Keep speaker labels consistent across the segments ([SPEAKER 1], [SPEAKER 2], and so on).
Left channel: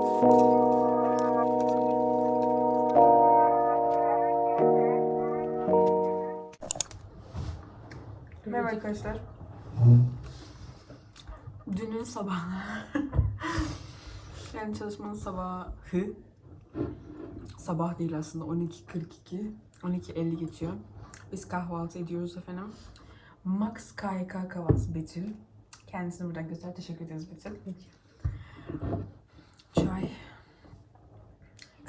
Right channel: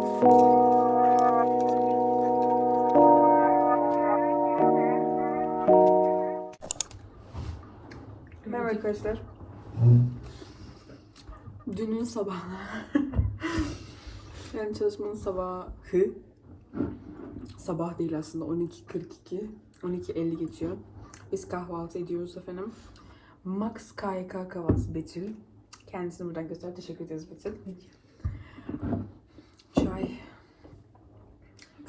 [SPEAKER 1] Merhaba arkadaşlar. Dünün sabahı. yani çalışmanın sabahı. Sabah değil aslında 12.42. 12.50 geçiyor. Biz kahvaltı ediyoruz efendim. Max KYK kahvaltısı Betül. Kendisini buradan göster. Teşekkür ederiz Betül. Çay.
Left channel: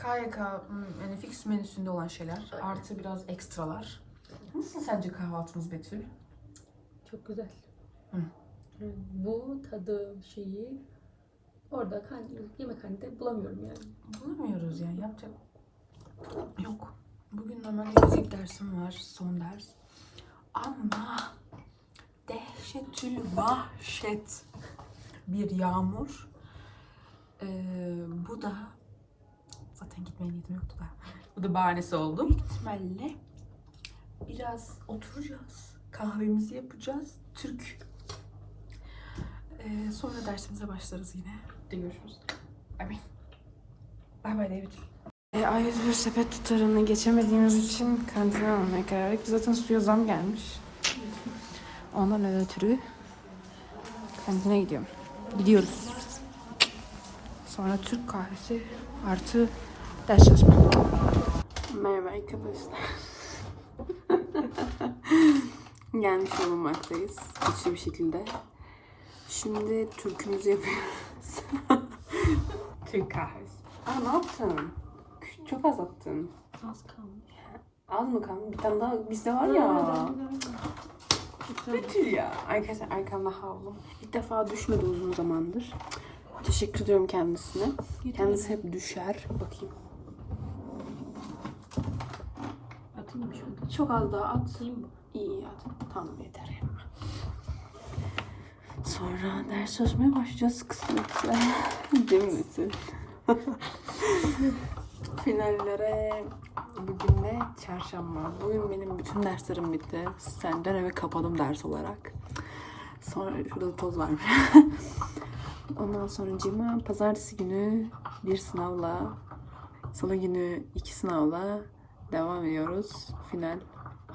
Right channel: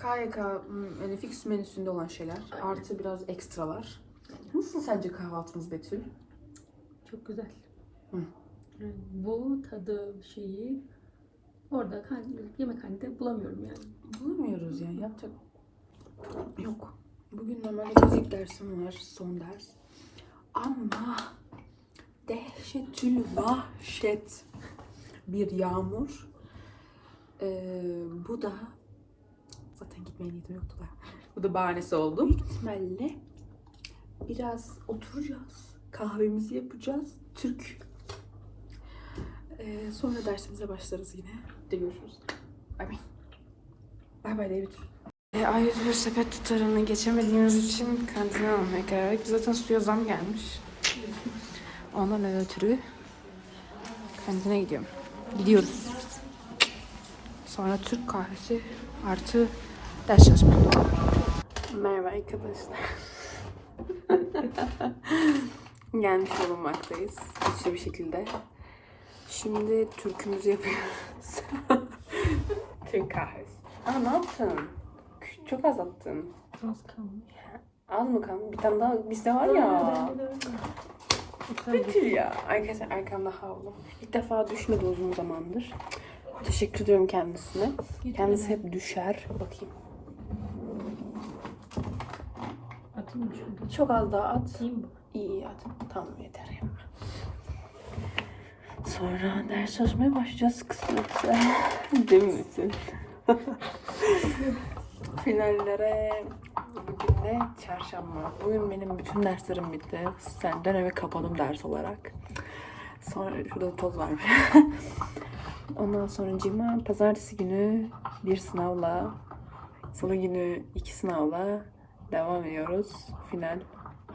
[SPEAKER 1] KYK hmm, yani fix menüsünde olan şeyler. Artı biraz ekstralar. Nasıl sence kahvaltımız Betül?
[SPEAKER 2] Çok güzel.
[SPEAKER 1] Hı.
[SPEAKER 2] Yani bu tadı şeyi orada yemekhanede bulamıyorum yani.
[SPEAKER 1] Bulamıyoruz yani yapacak. Yok. Bugün normalde fizik dersim var. Son ders. Ama dehşetül vahşet bir yağmur. Ee, bu da zaten gitmeye niyetim yoktu da. Bu da bahanesi oldu. Büyük ihtimalle biraz oturacağız. Kahvemizi yapacağız. Türk. Ee, sonra dersimize başlarız yine. De görüşürüz. Bay. Bay bay David. E, A101 sepet tutarını geçemediğimiz için kantine almaya karar verdik. Zaten suya zam gelmiş. Ondan ötürü kantine gidiyorum. Gidiyoruz. Sonra Türk kahvesi artı ders çalışma. Merhaba arkadaşlar. Gelmiş bulunmaktayız. Güçlü bir şekilde. Şimdi türkümüzü yapıyoruz. Türk kahvesi. Aa ne yaptın? Çok az attın.
[SPEAKER 2] Az kalmış.
[SPEAKER 1] Az mı kaldı? Bir tane daha bizde var ya. Betül ya. Arkadaşlar arkamda havlu. İlk defa düşmedi uzun zamandır. Teşekkür ediyorum kendisine. Kendisi hep düşer. Bakayım.
[SPEAKER 2] Mı?
[SPEAKER 1] Çok az daha at. İyi iyi at. Tamam yeter ya. Sonra ders çalışmaya başlayacağız kısmetse. Değil misin? Finallere bugün de çarşamba. Bugün benim bütün derslerim bitti. Senden eve kapadım ders olarak. Sonra şurada toz var. Ondan sonra cima pazartesi günü bir sınavla salı günü iki sınavla devam ediyoruz. Final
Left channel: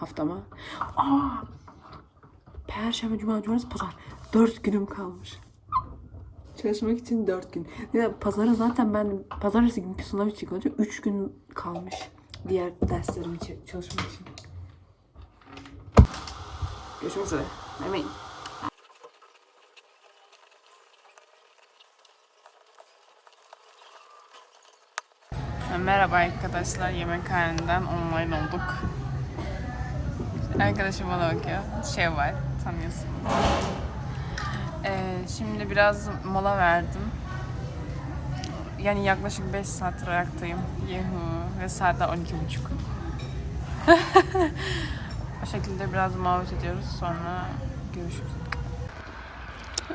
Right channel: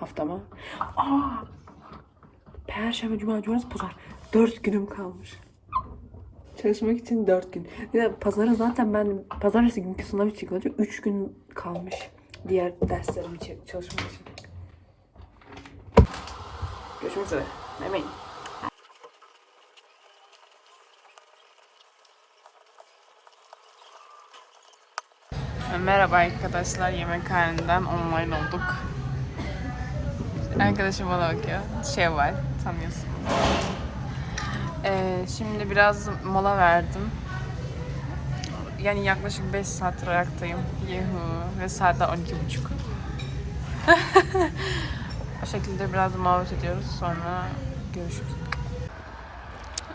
[SPEAKER 1] haftama. Aa! Perşembe, cuma, cumartesi, pazar. Dört günüm kalmış. Çalışmak için dört gün. Ya pazara zaten ben pazartesi günkü sınav için olacak. Üç gün kalmış. Diğer derslerim için çalışmak için. Görüşmek üzere. Yemeyin. Merhaba arkadaşlar. Yemekhaneden online olduk. Arkadaşım bana bakıyor. Şey var. Tanıyorsun. Ee, şimdi biraz mola verdim. Yani yaklaşık 5 saattir ayaktayım. Yuhu. Ve saat daha 12.30. o şekilde biraz muhabbet ediyoruz. Sonra görüşürüz.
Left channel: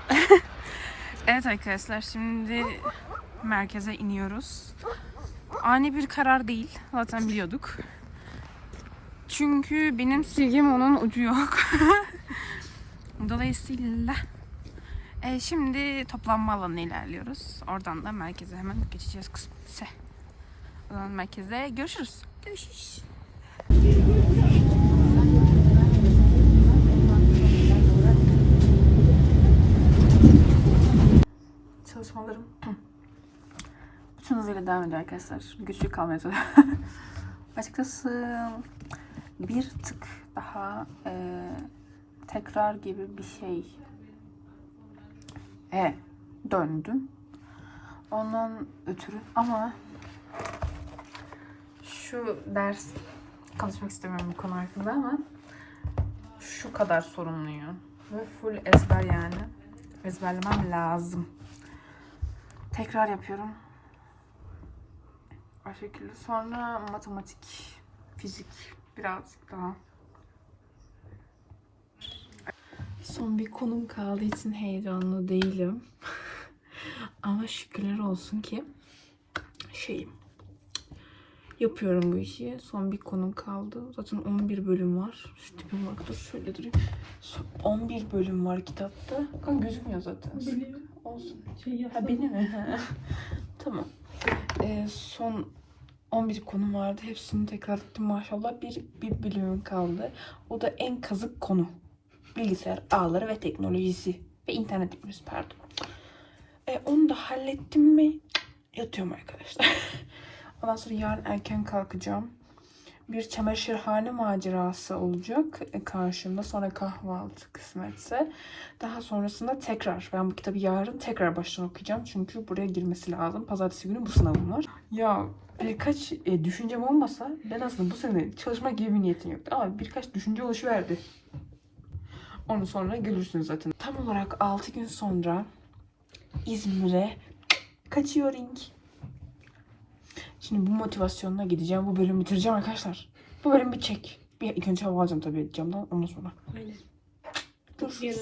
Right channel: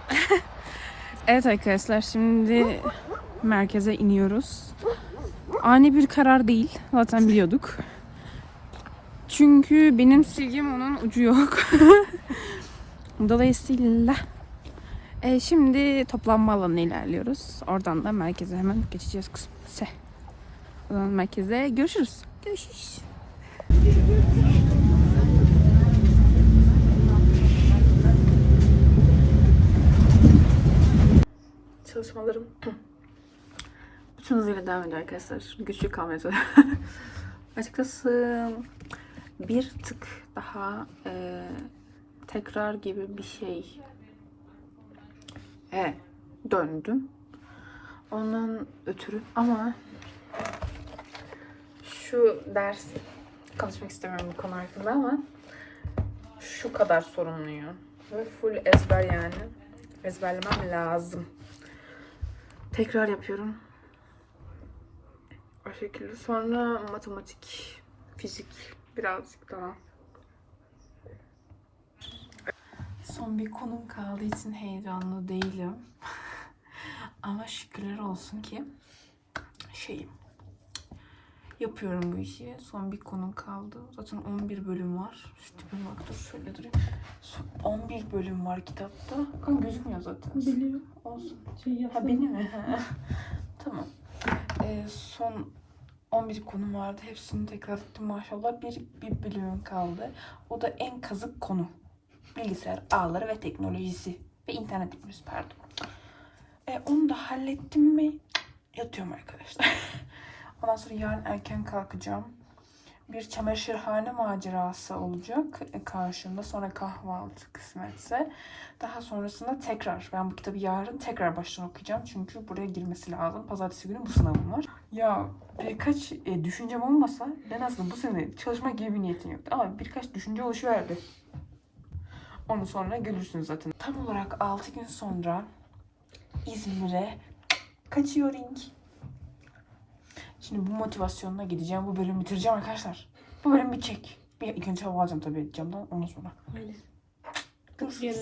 [SPEAKER 1] evet arkadaşlar şimdi merkeze iniyoruz. Ani bir karar değil. Zaten biliyorduk. Çünkü benim silgim onun ucu yok. Dolayısıyla e, şimdi toplanma alanına ilerliyoruz. Oradan da merkeze hemen geçeceğiz kısmetse. O zaman merkeze görüşürüz. Görüşürüz. Çalışmalarım bütün hızıyla devam ediyor arkadaşlar. Güçlü kalmaya. Açıkçası bir tık daha e, tekrar gibi bir şey e, döndüm. Ondan ötürü ama şu ders konuşmak istemiyorum bu konu hakkında ama şu kadar sorumluyum. Ve full ezber yani. Ezberlemem lazım. Tekrar yapıyorum. O şekilde. Sonra matematik, fizik birazcık daha. Son bir konum kaldığı için heyecanlı değilim. Ama şükürler olsun ki şeyim. Yapıyorum bu işi. Son bir konum kaldı. Zaten 11 bölüm var. Şu tipime bak dur şöyle durayım. Son 11 bölüm var kitapta. Ama gözükmüyor zaten.
[SPEAKER 2] Biliyorum.
[SPEAKER 1] Olsun.
[SPEAKER 2] Şey.
[SPEAKER 1] Ha beni mi? Tamam. Ee, son 11 konum vardı. Hepsini tekrar ettim maşallah. Bir, bir bölümüm kaldı. O da en kazık konu. Bilgisayar ağları ve teknolojisi. Ve internet teknolojisi pardon. Ee, onu da hallettim mi? Yatıyorum arkadaşlar. Ondan sonra yarın erken kalkacağım. Bir çamaşırhane macerası olacak e, karşımda. Sonra kahvaltı kısmetse. Daha sonrasında tekrar ben bu kitabı yarın tekrar baştan okuyacağım. Çünkü buraya girmesi lazım. Pazartesi günü bu sınavım var. Ya birkaç e, düşüncem olmasa ben aslında bu sene çalışma gibi bir niyetim yoktu. Ama birkaç düşünce oluşuverdi. Onu sonra görürsünüz zaten. Tam olarak 6 gün sonra İzmir'e kaçıyorum. Şimdi bu motivasyonla gideceğim. Bu bölümü bitireceğim arkadaşlar. Bu bölüm bitecek. Bir ilk önce hava alacağım tabii camdan ondan sonra. Görüşürüz.